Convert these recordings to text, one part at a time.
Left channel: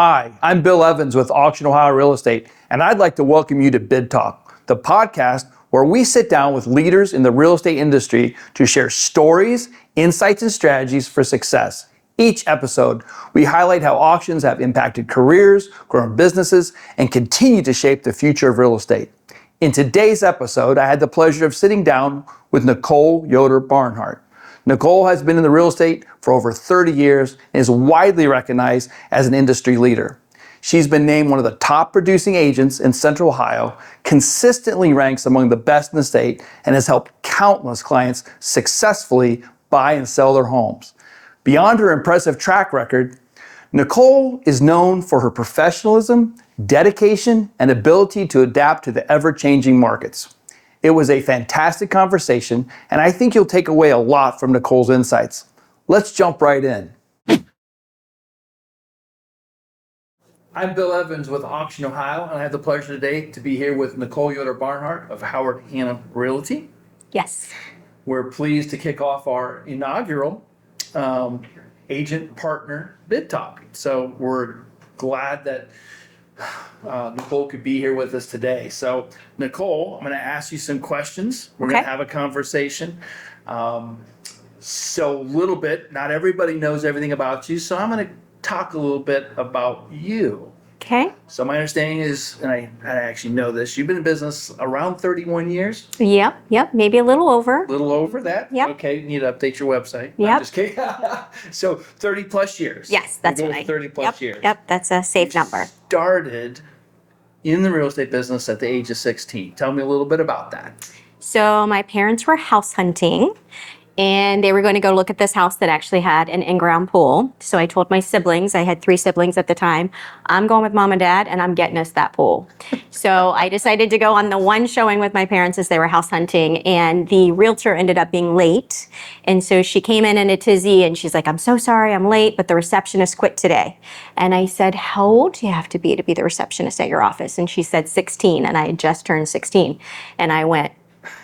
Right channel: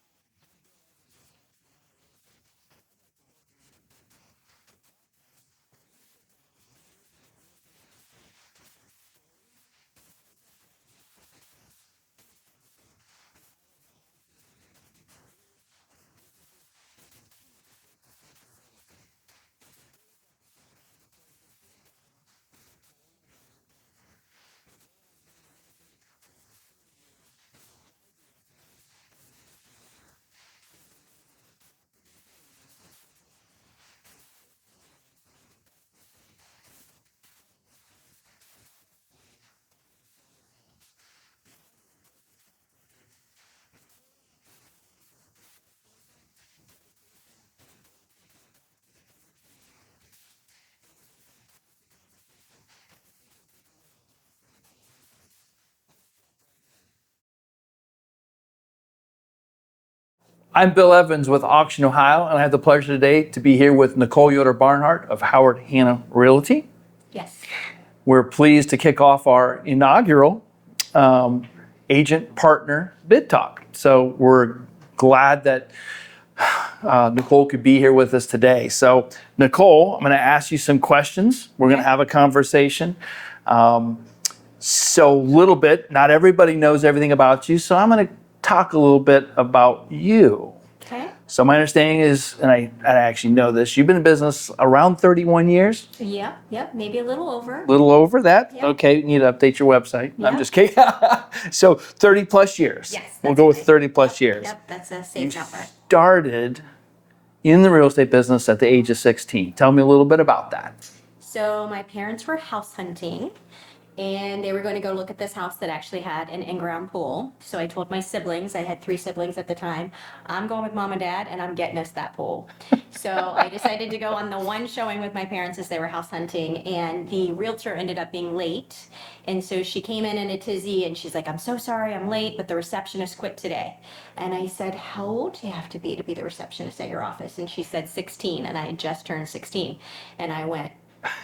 Hi, I'm Bill Evans with Auction Ohio Real Estate, and I'd like to welcome you to Bid Talk, the podcast where we sit down with leaders in the real estate industry to share stories, insights, and strategies for success. Each episode, we highlight how auctions have impacted careers, grown businesses, and continue to shape the future of real estate. In today's episode, I had the pleasure of sitting down with Nicole Yoder-Barnhart. Nicole has been in the real estate for over 30 years and is widely recognized as an industry leader. She's been named one of the top producing agents in Central Ohio, consistently ranks among the best in the state, and has helped countless clients successfully buy and sell their homes. Beyond her impressive track record, Nicole is known for her professionalism, dedication, and ability to adapt to the ever-changing markets. It was a fantastic conversation, and I think you'll take away a lot from Nicole's insights. Let's jump right in. I'm Bill Evans with Auction Ohio, and I have the pleasure today to be here with Nicole Yoder-Barnhart of Howard Hanna Realty. Yes. We're pleased to kick off our inaugural agent partner bid talk. So we're glad that Nicole could be here with us today. So Nicole, I'm going to ask you some questions. We're going to have a conversation. So a little bit, not everybody knows everything about you. So I'm going to talk a little bit about you. Okay. So my understanding is, and I actually know this, you've been in business around 31 years? Yep. Maybe a little over. A little over that? Yep. Okay, you need to update your website. Yep. I'm just kidding. So 30 plus years. Yes, that's We'll go right. with 30 plus years. Yep, that's a safe number. Started in the real estate business at the age of 16. Tell me a little bit about that. So my parents were house hunting, and they were going to go look at this house that actually had an in-ground pool. So I told my siblings, I had 3 siblings at the time, I'm going with mom and dad, and I'm getting us that pool. So I decided to go on the one showing with my parents as they were house hunting, and the realtor ended up being late. And so she came in a tizzy, and she's like, I'm so sorry I'm late, but the receptionist quit today. And I said, how old do you have to be the receptionist at your office? And she said 16, and I had just turned 16. And I went,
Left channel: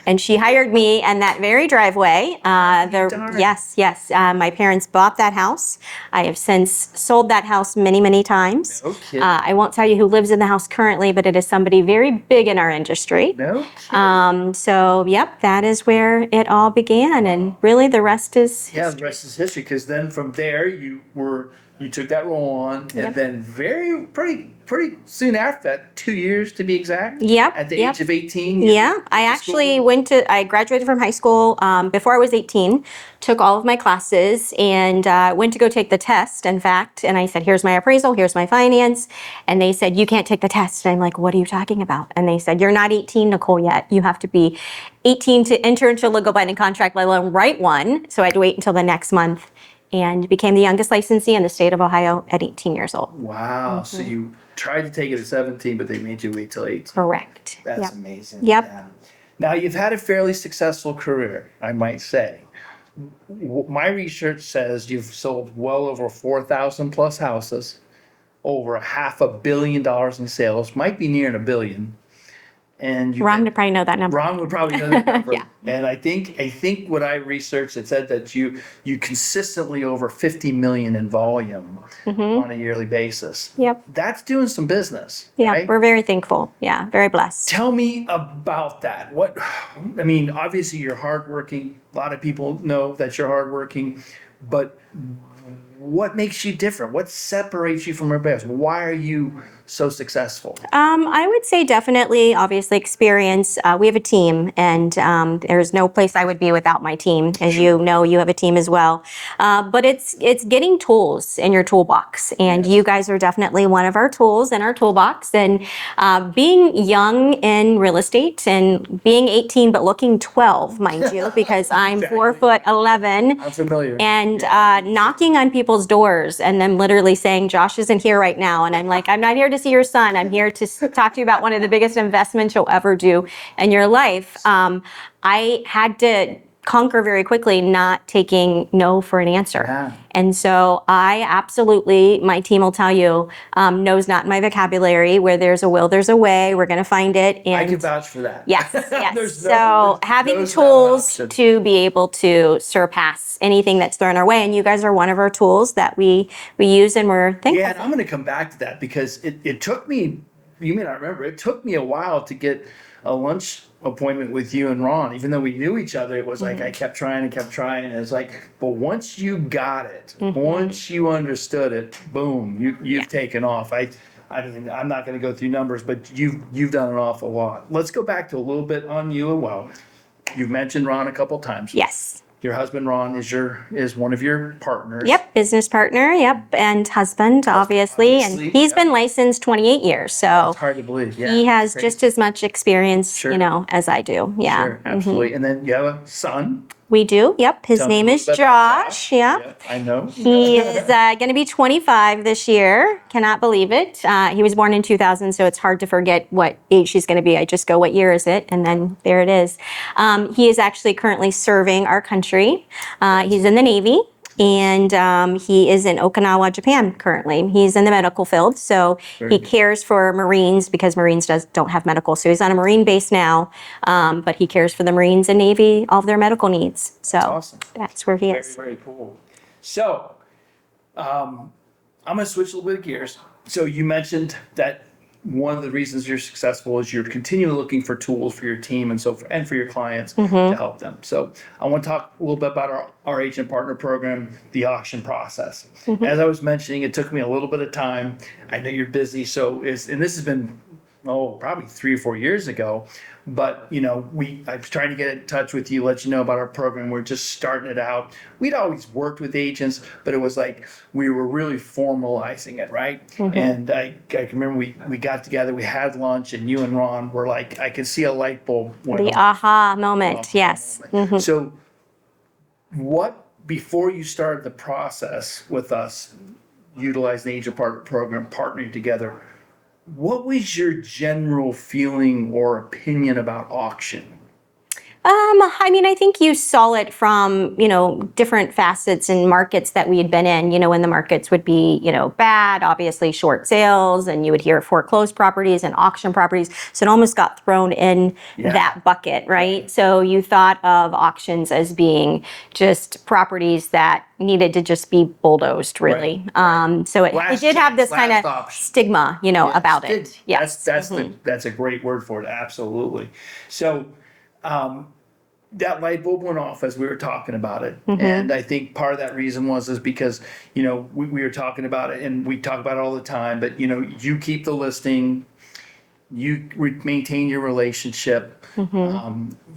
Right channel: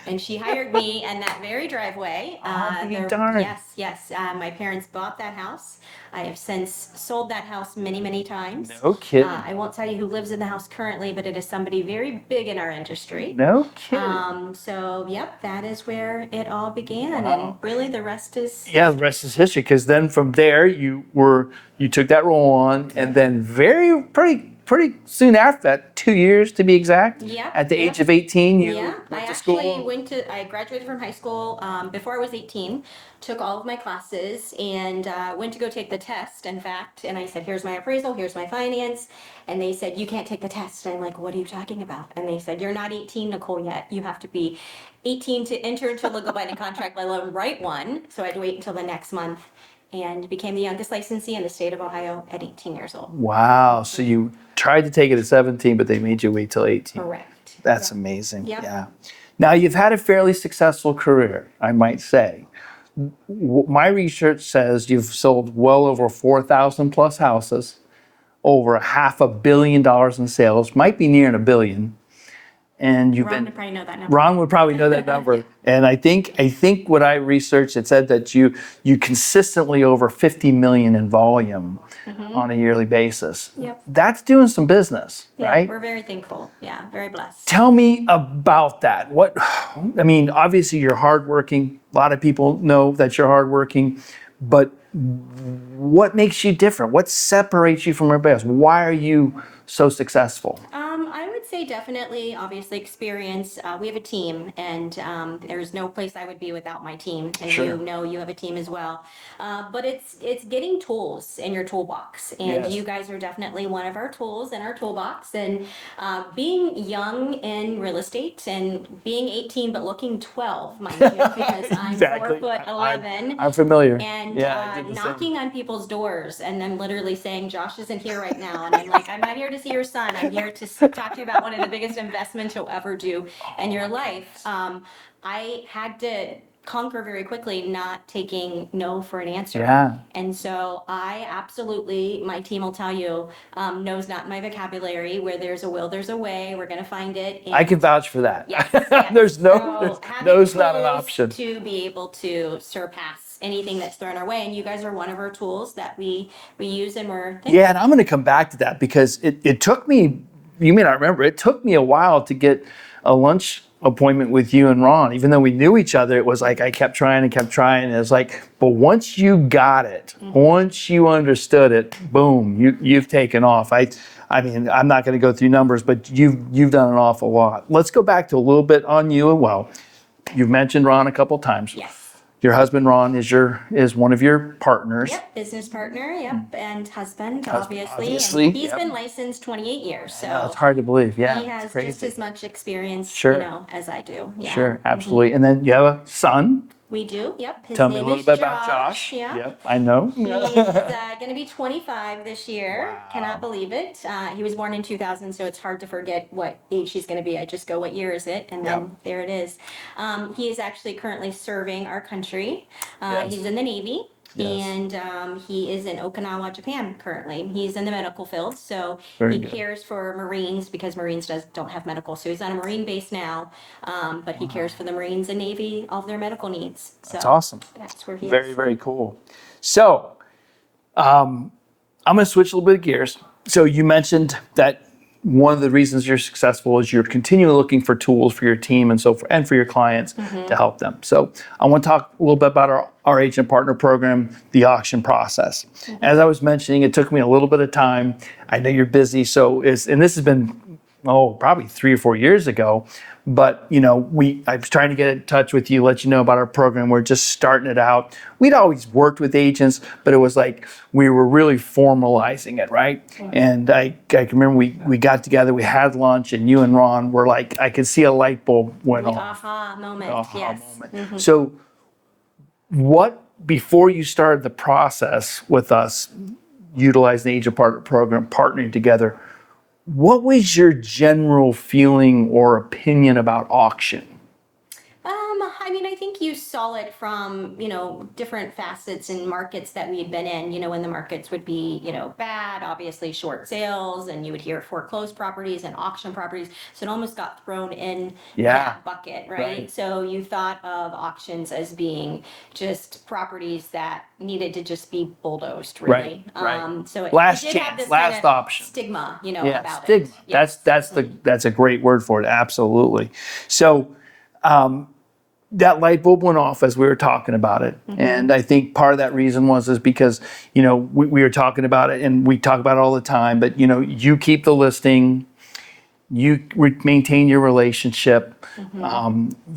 and she hired me in that very driveway. Yes. My parents bought that house. I have since sold that house many, many times. No kidding. I won't tell you who lives in the house currently, but it is somebody very big in our industry. No kidding. So, yep, that is where it all began. And really the rest is... Yeah, the rest is history, because then from there you took that role on, and then pretty soon after that, 2 years to be exact. Yep. At the age of 18. I graduated from high school before I was 18, took all of my classes, and went to go take the test, in fact. And I said, here's my appraisal, here's my finance. And they said, you can't take the test. And I'm like, what are you talking about? And they said, you're not 18, Nicole, yet. You have to be 18 to enter into a legal binding contract, let alone write one. So I had to wait until the next month, and became the youngest licensee in the state of Ohio at 18 years old. Wow. So you tried to take it at 17, but they made you wait till 18. Correct. That's amazing. Yep. Yeah. Now, you've had a fairly successful career, I might say. My research says you've sold well over 4,000 plus houses, over $500 million in sales, might be nearing $1 billion. And Ron would probably know that number. Ron would probably know that number. Yeah. And I think what I researched, it said that you consistently over 50 million in volume on a yearly basis. Yep. That's doing some business, Yeah, right? we're very thankful. Yeah, very blessed. Tell me about that. Obviously you're hardworking. A lot of people know that you're hardworking, but what makes you different? What separates you from everybody else? Why are you so successful? I would say definitely, obviously, experience. We have a team, and there's no place I would be without my team. As you know, you have a team as well. But it's getting tools in your toolbox, and you guys are definitely one of our tools in our toolbox. And being young in real estate, and being 18 but looking 12, mind you, because I'm Exactly. 4'11". I'm familiar. And knocking on people's doors and them literally saying, Josh isn't here right now. And I'm like, I'm not here to see your son. I'm here to talk to you about one of the biggest investments you'll ever do in your life. I had to conquer very quickly not taking no for an answer. Yeah. And so I absolutely, my team will tell you, no's not my vocabulary. Where there's a will, there's a way. We're going to find it. And I can vouch for that. yes, yes. There's no, so having no's not an tools option. to be able to surpass anything that's thrown our way. And you guys are one of our tools that we use and we're thankful. Yeah, and I'm going to come back to that because it took me, you may not remember, it took me a while to get a lunch appointment with you and Ron. Even though we knew each other, it was like I kept trying and kept trying. And it's like, but once you got it, once you understood it, boom, you've taken off. I mean, I'm not going to go through numbers, but you've done an awful lot. Let's go back to a little bit on you. Well, you've mentioned Ron a couple times. Yes. Your husband Ron is one of your partners. Yep, business partner. Yep, and husband, obviously. obviously, And he's yep. been licensed 28 years, so It's hard to believe. Yeah, he has crazy. just as much experience, Sure. as I do. Yeah. Sure, absolutely. And then you have a son. We do. Yep. His Tell me a name little is bit about Josh. Yep. Yep, I know. He is going to be 25 this year. Cannot believe it. He was born in 2000, so it's hard to forget what age he's going to be. I just go, what year is it? And then there it is. He is actually currently serving our country. He's in the Navy. And he is in Okinawa, Japan currently. He's in the medical field, so Very he good. cares for Marines because Marines don't have medical. So he's on a Marine base now, but he cares for the Marines and Navy, all of their medical needs. So That's awesome. that's where he Very, is. very cool. So, I'm going to switch a little bit of gears. So you mentioned that one of the reasons you're successful is you're continually looking for tools for your team and so forth, and for your clients to help them. So I want to talk a little bit about our agent partner program, the auction process. As I was mentioning, it took me a little bit of time. I know you're busy, and this has been probably 3 or 4 years ago. But I was trying to get in touch with you, let you know about our program. We're just starting it out. We'd always worked with agents, but it was like we were really formalizing it, right? And I can remember we got together, we had lunch, and you and Ron were like, I could see a light bulb went The off. aha moment, yes. So, before you started the process with us, utilizing the agent partner program, partnering together, what was your general feeling or opinion about auction? I mean, I think you saw it from, different facets and markets that we had been in, when the markets would be, bad, obviously short sales, and you would hear foreclosed properties and auction properties. So it almost got thrown in that bucket, right? So you thought of auctions as being just properties that needed to just be bulldozed, really. So it did have this kind of stigma, about it. Yes. That's a great word for it. Absolutely. So, that light bulb went off as we were talking about it. And I think part of that reason is because, we were talking about it and we talk about it all the time, but you keep the listing, you maintain your relationship,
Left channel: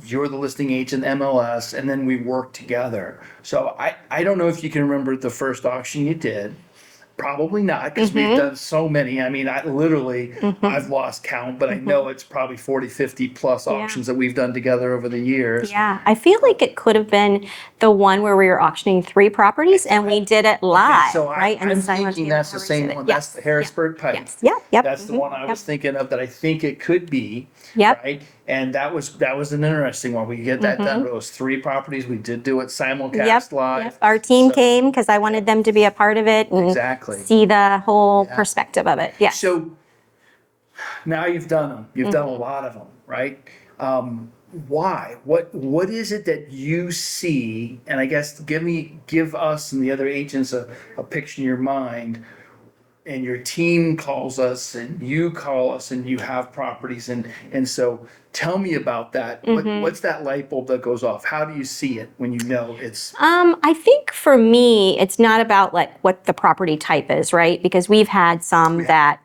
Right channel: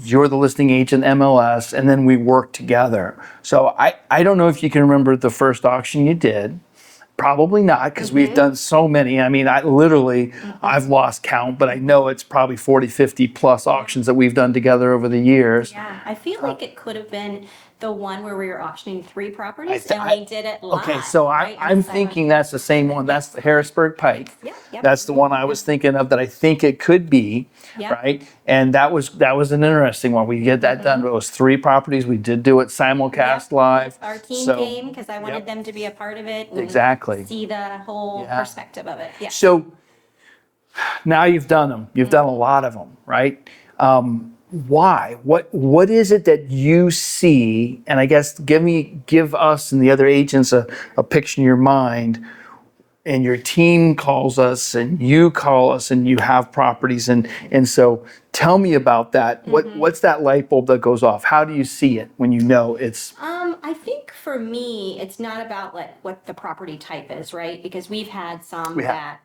you're the listing agent MLS, and then we work together. So I don't know if you can remember the first auction you did. Probably not, because we've done so many. I mean, I've lost count, but I know it's probably 40, 50 plus auctions that we've done together over the years. Yeah, I feel like it could have been the one where we were auctioning 3 properties and we did it live. Okay, so right? I'm thinking that's the same one. That's the Harrisburg Pike. Yep. That's the one I was thinking of that I think it could be. Yep. Right? And that was an interesting one. We get that done. It was 3 properties. We did do it simulcast live. Yep. Our team So- came because I wanted them to be a part of it and Exactly. see the whole perspective of it. Yeah. So now you've done them. You've done a lot of them, right? Why? What is it that you see? And I guess give us and the other agents a picture in your mind. And your team calls us, and you call us, and you have properties, and so tell me about that. What's that light bulb that goes off? How do you see it when you know it's? I think for me, it's not about like what the property type is, right? Because we've had some that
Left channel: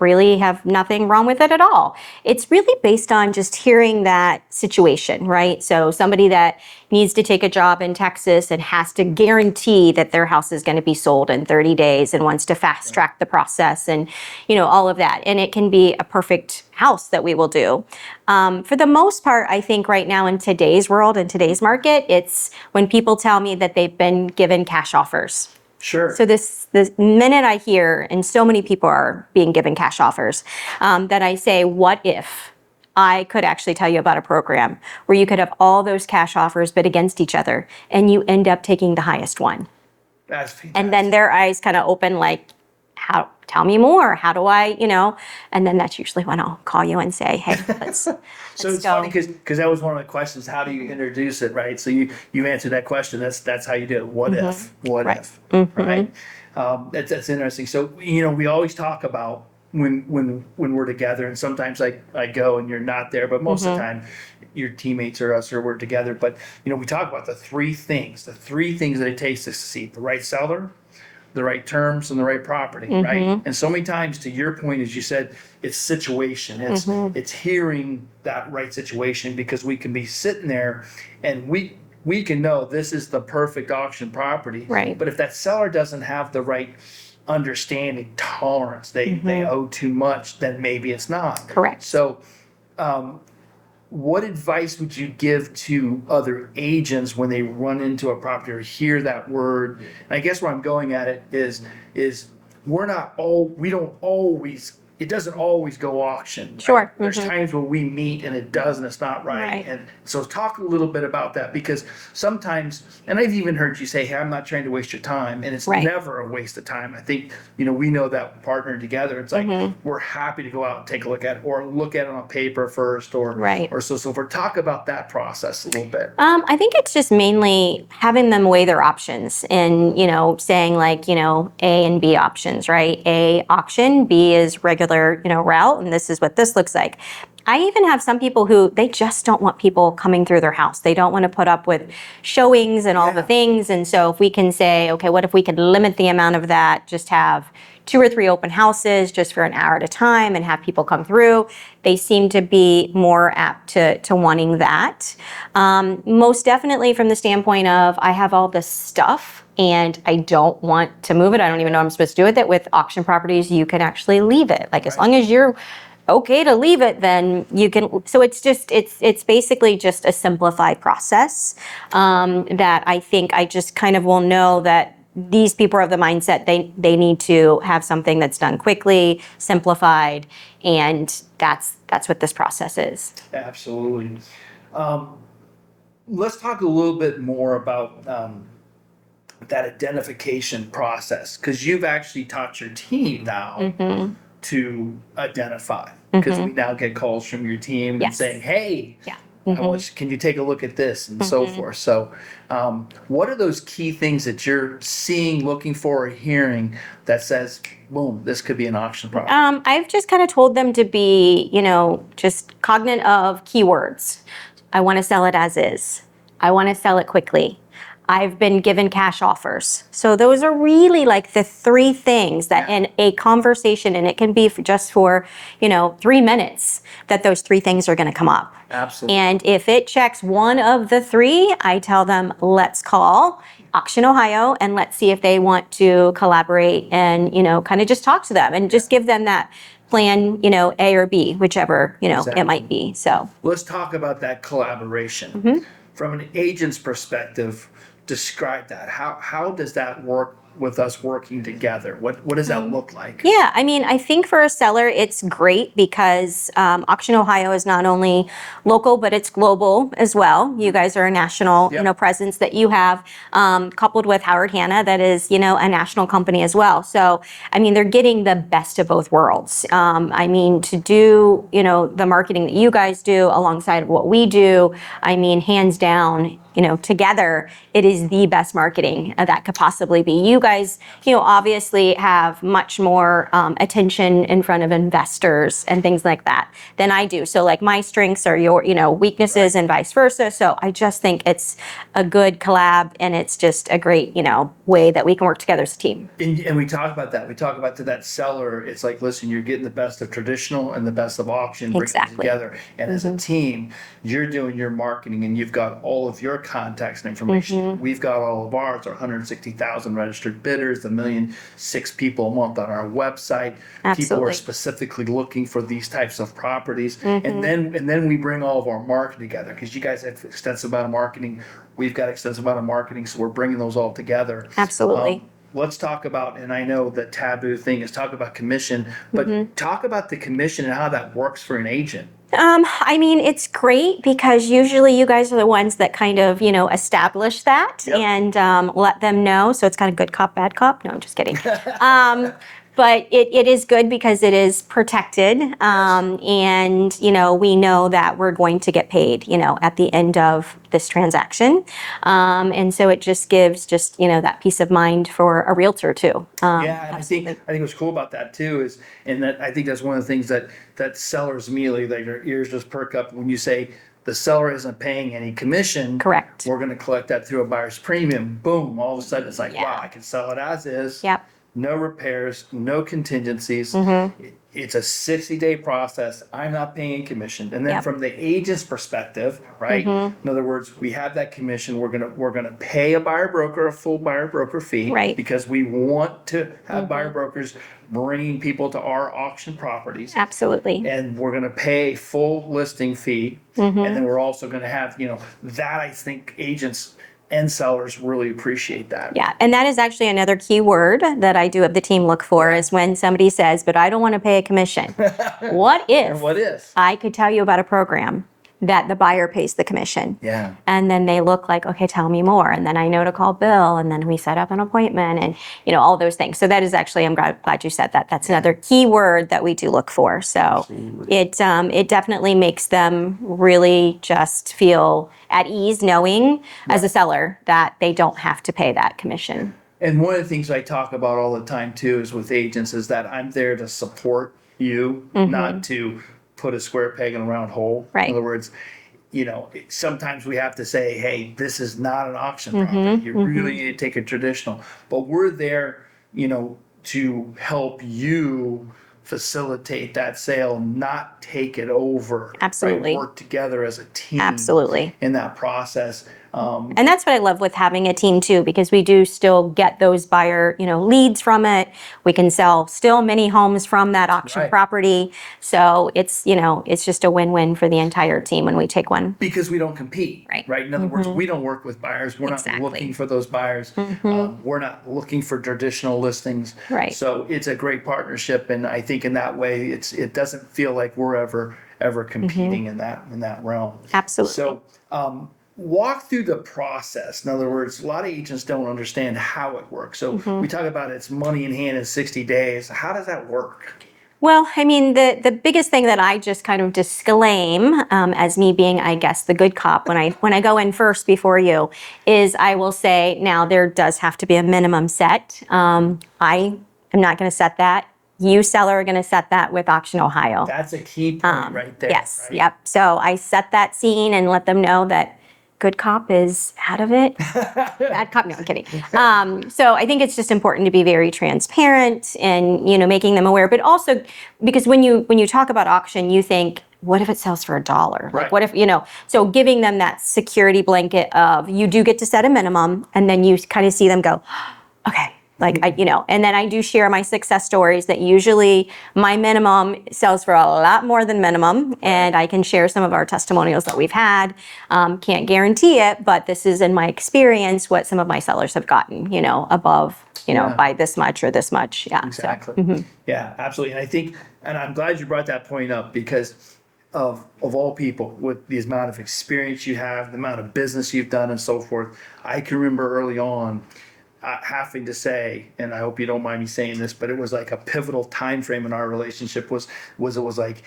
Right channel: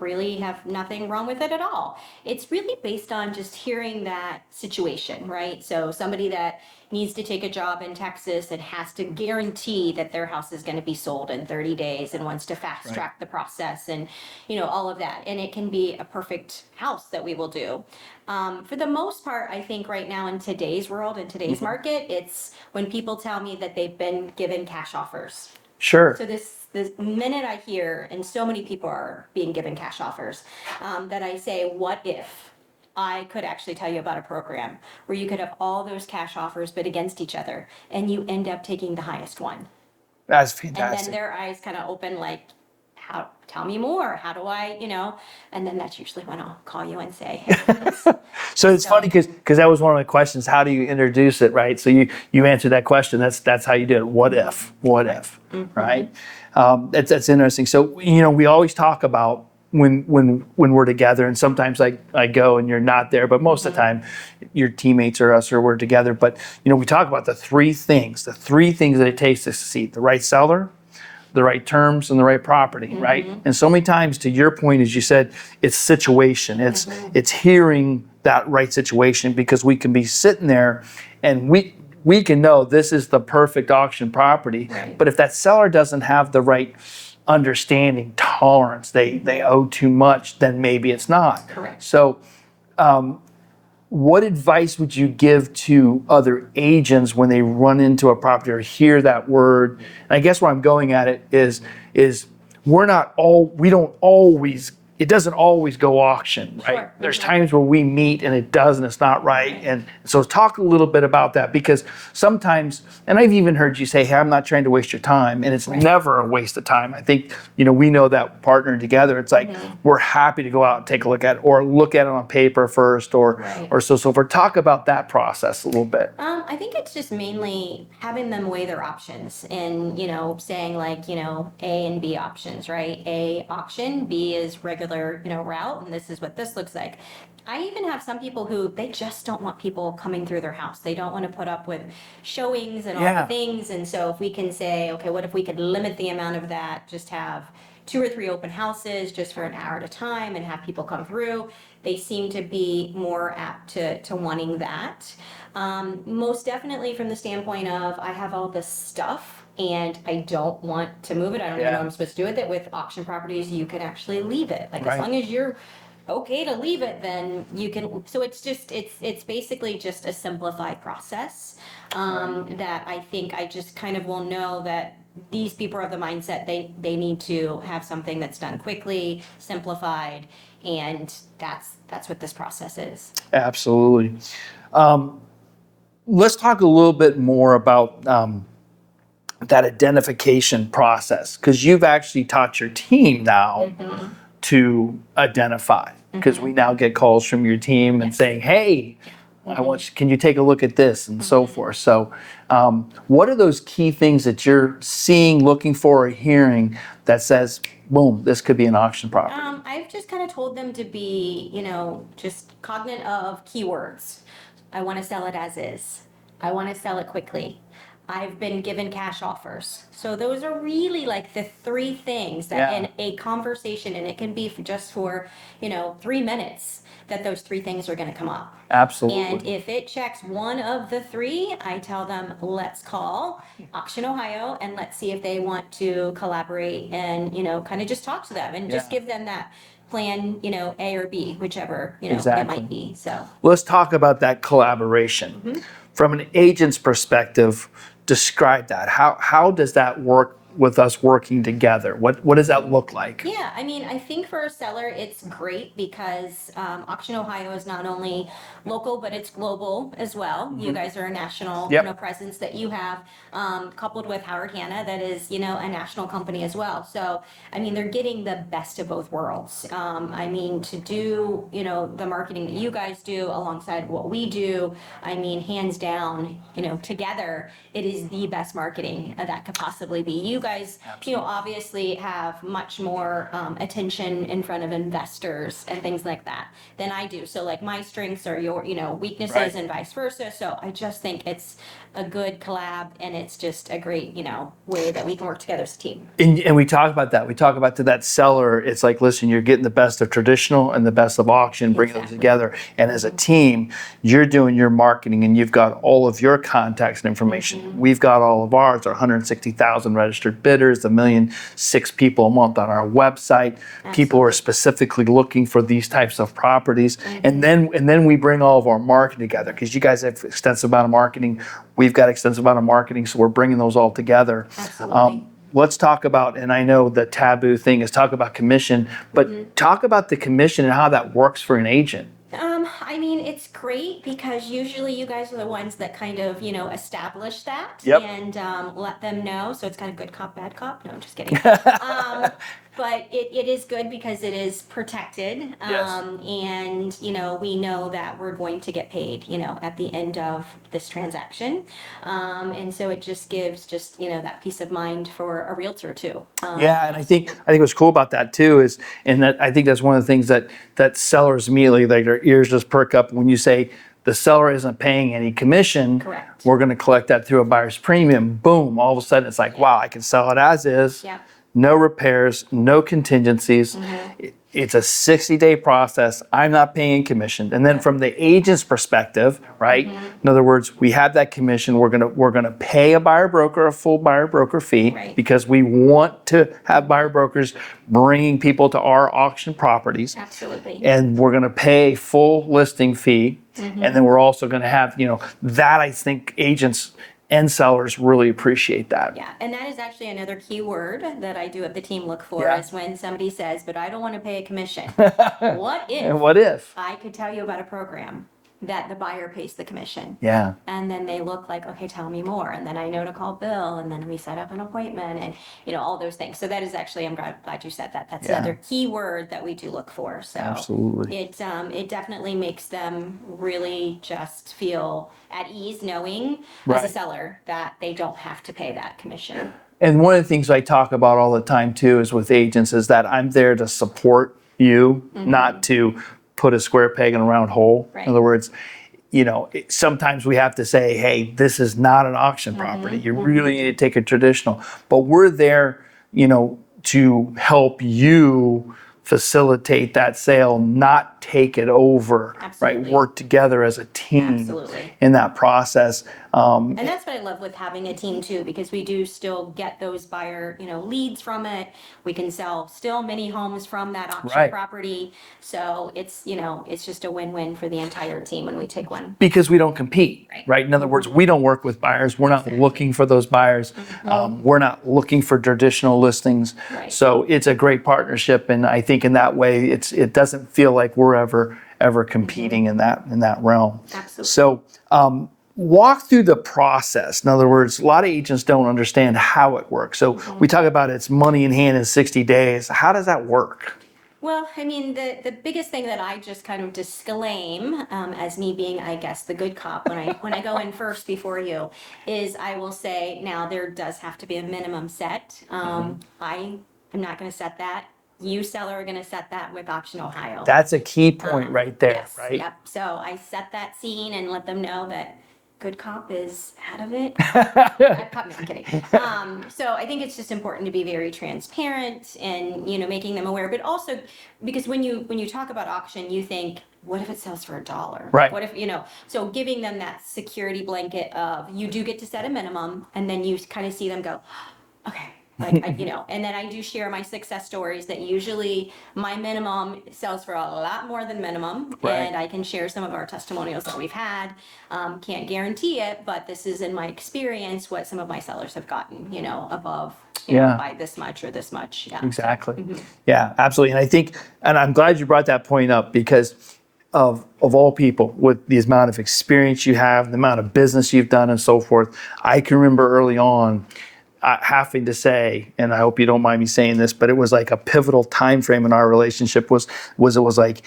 really have nothing wrong with it at all. It's really based on just hearing that situation, right? So somebody that needs to take a job in Texas and has to guarantee that their house is going to be sold in 30 days and wants to fast track the process and, all of that. And it can be a perfect house that we will do. For the most part, I think right now in today's world, in today's market, it's when people tell me that they've been given cash offers. Sure. So the minute I hear, and so many people are being given cash offers, that I say, what if I could actually tell you about a program where you could have all those cash offers bid against each other, and you end up taking the highest one. That's fantastic. And then their eyes kind of open like, how, tell me more. How do I, and then that's usually when I'll call you and say, hey, let's So it's go. funny because that was one of my questions. How do you introduce it, right? So you answered that question. That's how you did it. What if? What if? Right? That's interesting. So we always talk about when we're together, and sometimes I go and you're not there, but most of the time your teammates or us or we're together. But we talk about the three things that it takes to succeed: the right seller, the right terms, and the right property, right? And so many times, to your point, as you said, it's situation. It's hearing that right situation, because we can be sitting there and we can know this is the perfect auction property. Right. But if that seller doesn't have the right understanding, tolerance, they owe too much, then maybe it's not. Correct. So what advice would you give to other agents when they run into a property or hear that word? And I guess where I'm going at it is it doesn't always go auction. Right? Sure. There's times where we meet and it does and it's not right. Right. And so talk a little bit about that, because sometimes, and I've even heard you say, hey, I'm not trying to waste your time. And it's Right. never a waste of time. I think, we know that partnering together, it's like, we're happy to go out and take a look at it, or look at it on paper first, or Right. or so forth. Talk about that process a little bit. I think it's just mainly having them weigh their options and, saying like, A and B options, right? A, auction, B is regular, route, and this is what this looks like. I even have some people who they just don't want people coming through their house. They don't want to put up with showings and all the things. And so if we can say, okay, what if we could limit the amount of that, just have 2 or 3 open houses just for an hour at a time and have people come through, they seem to be more apt to wanting that. Most definitely from the standpoint of, I have all this stuff and I don't want to move it. I don't even know what I'm supposed to do with it. With auction properties, you can actually leave it. Like, as long as you're okay to leave it, then you can. So it's basically just a simplified process that I think I just kind of will know that these people are of the mindset they need to have something that's done quickly, simplified, and that's what this process is. Absolutely. Let's talk a little bit more about that identification process, because you've actually taught your team now to identify, because we now get calls from your team and saying, hey, can you take a look at this, and so forth. So what are those key things that you're seeing, looking for, or hearing that says, boom, this could be an auction property? I've just kind of told them to be, just cognizant of keywords. I want to sell it as is. I want to sell it quickly. I've been given cash offers. So those are really like the 3 things that in a conversation, and it can be just for, 3 minutes, that those 3 things are going to come up. Absolutely. And if it checks one of the 3, I tell them, let's call Auction Ohio and let's see if they want to collaborate and, kind of just talk to them and just give them that plan, A or B, whichever, it might be. So let's talk about that collaboration. From an agent's perspective, describe that. How does that work with us working together? What does that look like? Yeah, I think for a seller, it's great because Auction Ohio is not only local, but it's global as well. You guys are a national, presence that you have, coupled with Howard Hanna, that is, a national company as well. So, they're getting the best of both worlds. To do, the marketing that you guys do alongside what we do, hands down, together, it is the best marketing that could possibly be. You guys, obviously have much more attention in front of investors and things like that than I do. So like my strengths are your, weaknesses and vice versa. So I just think it's a good collab, and it's just a great, way that we can work together as a team. And we talk about that. We talk about to that seller, it's like, listen, you're getting the best of traditional and the best of auction, bringing them together. And as a team, you're doing your marketing and you've got all of your contacts and information. We've got all of ours, our 160,000 registered bidders, 1,000,006 people a month on our website. People are specifically looking for these types of properties. And then we bring all of our marketing together, because you guys have extensive amount of marketing. We've got extensive amount of marketing, so we're bringing those all together. Absolutely. Let's talk about, and I know the taboo thing is talk about commission, but talk about the commission and how that works for an agent. I mean, it's great because usually you guys are the ones that kind of, establish that Yep. and let them know. So it's kind of good cop, bad cop. No, I'm just kidding. But it is good because it is protected. And, we know that we're going to get paid, at the end of this transaction. And so it just gives that peace of mind for a realtor too. Yeah, and I think what's cool about that too is, and that I think that's one of the things that sellers immediately, like, their ears just perk up when you say the seller isn't paying any commission. Correct. We're going to collect that through a buyer's premium. Boom! All of a sudden, it's like, wow, I can sell it as is. Yep. No repairs, no contingencies. It's a 60-day process. I'm not paying commission. And then Yep. from the agent's perspective, right? In other words, we have that commission. We're gonna pay a buyer broker a full buyer broker fee, Right. because we want to have buyer brokers bringing people to our auction properties. Absolutely. And we're going to pay full listing fee. And then we're also going to have, that I think agents and sellers really appreciate that. Yeah, and that is actually another key word that I do have the team look for is when somebody says, but I don't want to pay a commission. What if And what if? I could tell you about a program that the buyer pays the commission? Yeah. And then they look like, okay, tell me more. And then I know to call Bill, and then we set up an appointment, and all those things. So that is actually, I'm glad you said that. That's another key word that we do look for. So Absolutely. it definitely makes them really just feel at ease knowing as a seller that they don't have to pay that commission. And one of the things I talk about all the time too is with agents is that I'm there to support you, not to put a square peg in a round hole. Right. In other words, sometimes we have to say, hey, this is not an auction property. You really need to take a traditional. But we're there, to help you facilitate that sale, not take it over. Absolutely. Right? Work together as a team. Absolutely. In that process. And that's what I love with having a team too, because we do still get those buyer, leads from it. We can sell still many homes from that auction Right. property. So it's, it's just a win-win for the entire team when we take one. Because we don't compete, Right. In other words, we don't work with buyers. We're not looking for those buyers. We're not looking for traditional listings. Right. So it's a great partnership, and I think in that way, it doesn't feel like we're ever competing in that realm. Absolutely. So walk through the process. In other words, a lot of agents don't understand how it works. So we talk about it's money in hand in 60 days. How does that work? Well, I mean, the biggest thing that I just kind of disclaim as me being, I guess, the good cop when I go in first before you is I will say, now there does have to be a minimum set. I am not going to set that. You, seller, are going to set that with Auction Ohio. That's a key point right there. Yes, right? yep. So I set that scene and let them know that good cop is out of it. Bad cop, no, I'm kidding. So I think it's just important to be very transparent and, making them aware. But also, because when you talk about auction, you think, what if it sells for $1? Right. Like, what if, so giving them that security blanket of you do get to set a minimum, and then you kind of see them go, okay. Like, and then I do share my success stories that usually my minimum sells for a lot more than minimum. Right. And I can share some of our testimonials that we've had. Can't guarantee it, but this is in my experience what some of my sellers have gotten, above, by this much or this much. Yeah. Exactly. Yeah, absolutely. And I think, and I'm glad you brought that point up because of all people, with the amount of experience you have, the amount of business you've done and so forth, I can remember early on having to say, and I hope you don't mind me saying this, but it was like a pivotal time frame in our relationship was it was like,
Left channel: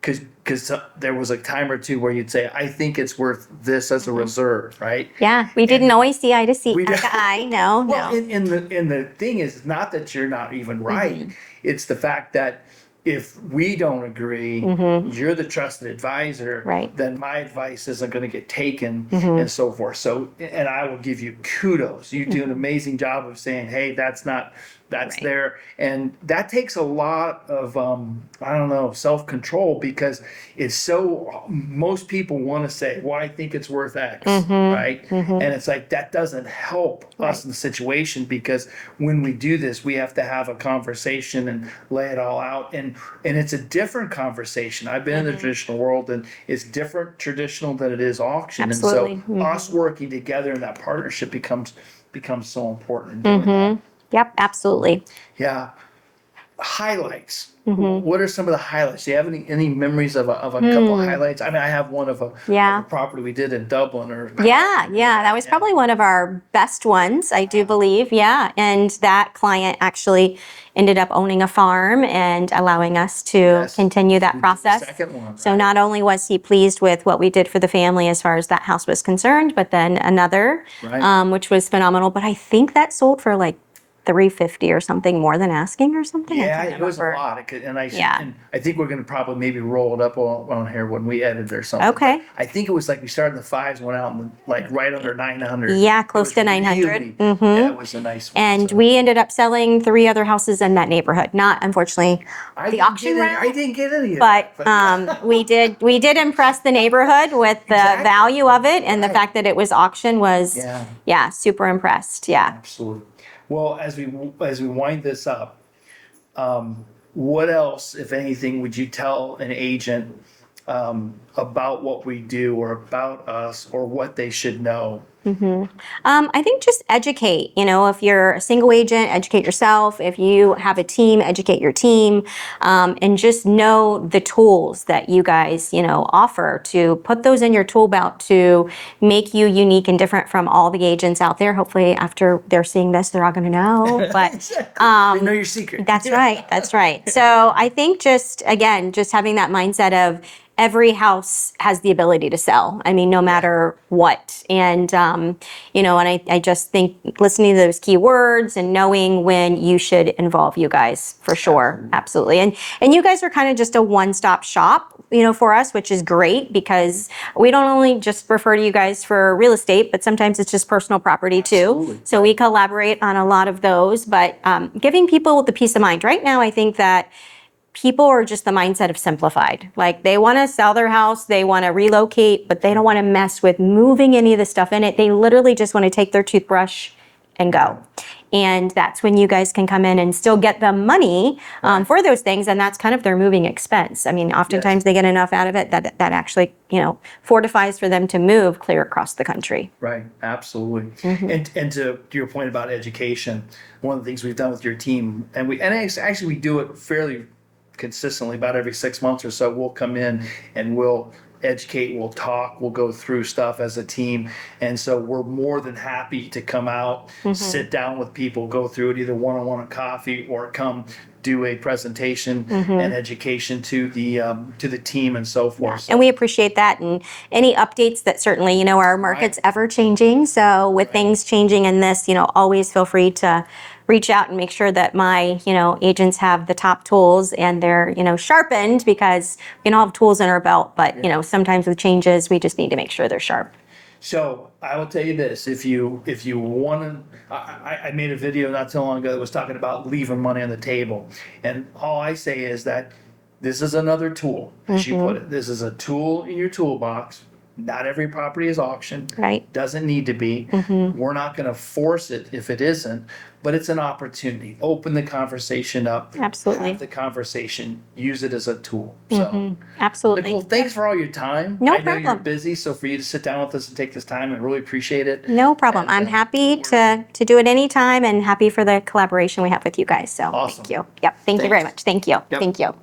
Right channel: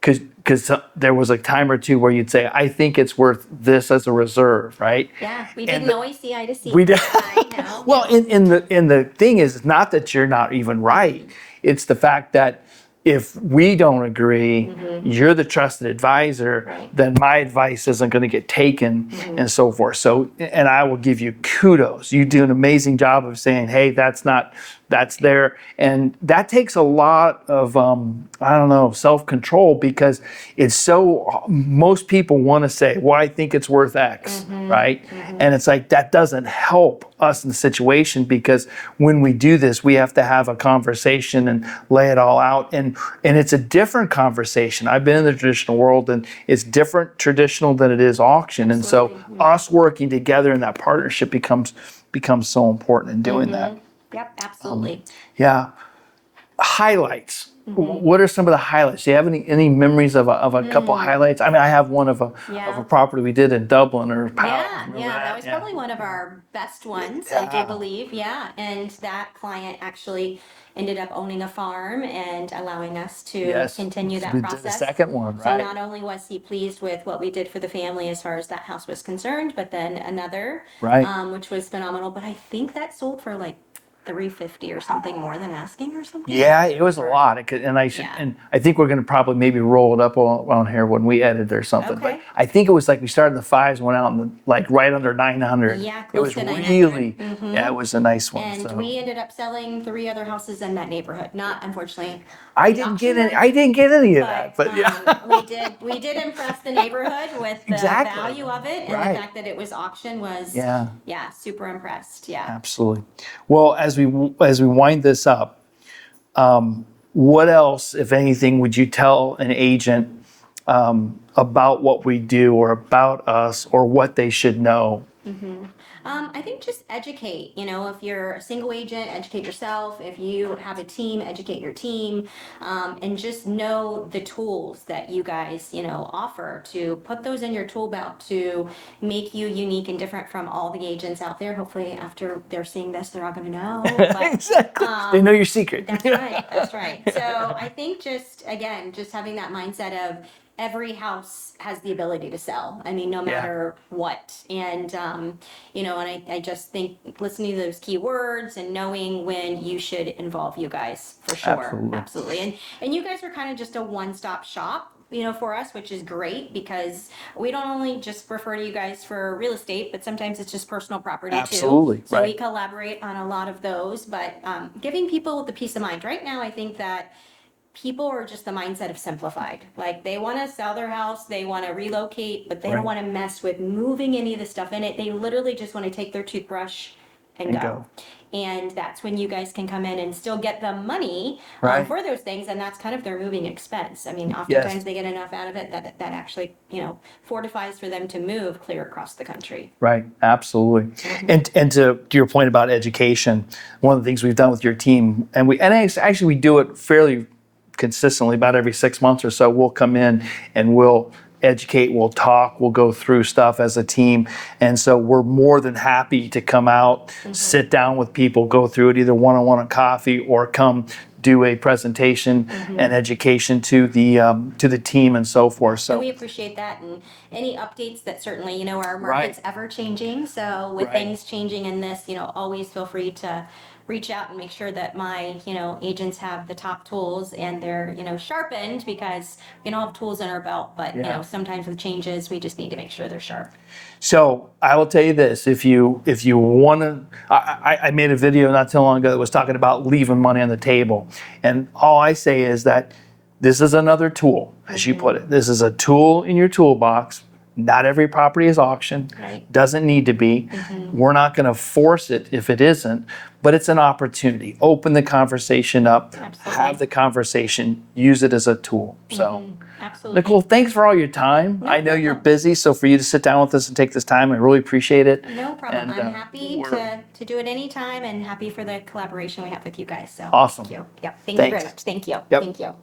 because there was a time or two where you'd say, I think it's worth this as a reserve, right? Yeah, we didn't always see eye to see. I know. Well, no. and the thing is, it's not that you're not even right. It's the fact that if we don't agree, you're the trusted advisor, Right. then my advice isn't going to get taken and so forth. So, and I will give you kudos. You do an amazing job of saying, hey, that's Right. there. And that takes a lot of, self-control, because it's so, most people want to say, well, I think it's worth X, right? And it's like, that doesn't help us in the situation, because when we do this, we have to have a conversation and lay it all out. And it's a different conversation. I've been in the traditional world, and it's different traditional than it is auction. Absolutely. And so us working together in that partnership becomes so important in doing that. Yep, absolutely. Yeah. highlights. What are some of the highlights? Do you have any memories of a couple highlights? I mean, I have one of a property we did in Dublin. Yeah, that was probably one of our best ones, I do believe. Yeah, and that client actually ended up owning a farm and allowing us to continue that process. The second one, So not only was he pleased with what we did for the family as far as that house was concerned, but then another, which was phenomenal. But I think that sold for like $350 or something more than asking or something. Yeah, it was a lot. And I think we're going to probably maybe roll it up on here when we edit or something. Okay. But I think it was like we started in the fives, went out in like right under 900. Yeah, close to 900. Yeah, it was a nice one. And we ended up selling 3 other houses in that neighborhood. Not, unfortunately, I didn't get any of that. But we did impress the neighborhood with the value of it, and the fact that it was auction was super impressed. Yeah, absolutely. Well, as we wind this up, what else, if anything, would you tell an agent about what we do or about us or what they should know? I think just educate. If you're a single agent, educate yourself. If you have a team, educate your team, and just know the tools that you guys, offer, to put those in your tool belt to make you unique and different from all the agents out there. Hopefully, after they're seeing this, they're all going to know. But they know your secret. That's right. That's right. So I think just having that mindset of every house has the ability to sell. I mean, no matter what. And, and I just think listening to those keywords and knowing when you should involve you guys, for sure. Absolutely. And you guys are kind of just a one-stop shop, for us, which is great, because we don't only just refer to you guys for real estate, but sometimes it's just personal property too. So we collaborate on a lot of those, but giving people the peace of mind. Right now, I think that people are just the mindset of simplified. Like, they want to sell their house, they want to relocate, but they don't want to mess with moving any of the stuff in it. They literally just want to take their toothbrush and go. And that's when you guys can come in and still get the money for those things, and that's kind of their moving expense. I mean, oftentimes they get enough out of it that actually, fortifies for them to move clear across the country. Right, absolutely. And to your point about education, one of the things we've done with your team, and actually we do it fairly consistently, about every 6 months or so, we'll come in and we'll educate, we'll talk, we'll go through stuff as a team. And so we're more than happy to come out, sit down with people, go through it either one-on-one on coffee or come do a presentation and education to the team and so forth. So, and we appreciate that, and any updates that certainly, our market's ever changing. So with things changing in this, always feel free to reach out and make sure that my, agents have the top tools and they're, sharpened, because we don't have tools in our belt, but, sometimes with changes, we just need to make sure they're sharp. So I will tell you this: if you want to, I made a video not too long ago that was talking about leaving money on the table, and all I say is that this is another tool, as you put it. This is a tool in your toolbox. Not every property is auctioned. Right. Doesn't need to be. We're not going to force it if it isn't, but it's an opportunity. Open the conversation up. Absolutely. Have the conversation. Use it as a tool. So, absolutely. Nicole, thanks for all your time. No I know you're busy, so for you to sit down with us and take this time, I really appreciate it. No problem. And, I'm happy to do it anytime, and happy for the collaboration we have with you guys. So awesome. Thank you. Yep. Thank you very much. Thank you. Yep. Thank you.